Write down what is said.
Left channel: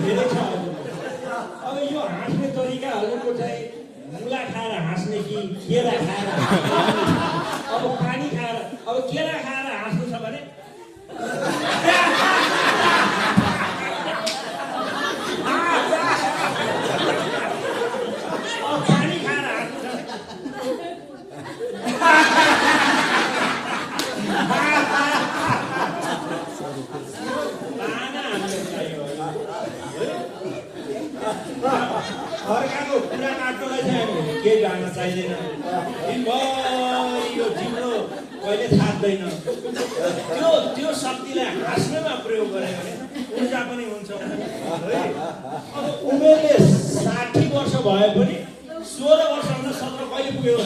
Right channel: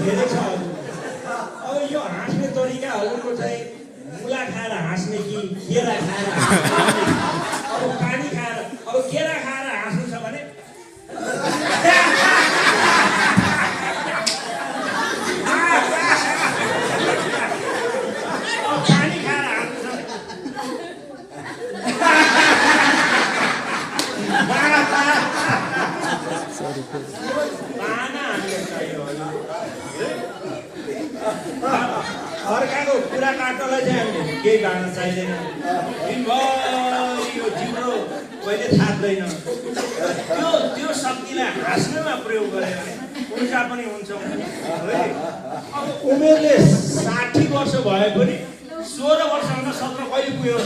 धेरै छ अब यो हाँस्ने तरिकाहरूको चाहिँ मुला खाएर हाँस्ने कि केरा खाएर अब पानी खाएर अब केरा खाएर हाँस्नु छ भने अब पानी खाएर हाँस्नु छ अर्काको कुरा काट्नलाई चाहिँ केही गाना चाहिँदैन दिनभरि यो जिब्रो कहिले थाक्दैन त्यो शक्तिलाई हाँस्नमा प्रयोग गऱ्यो भने ऊर्जा पनि हुन्छ है अब उमेरले 60 वर्ष भए पनि 16 वर्ष हुन सक्न कहिले पुग्यो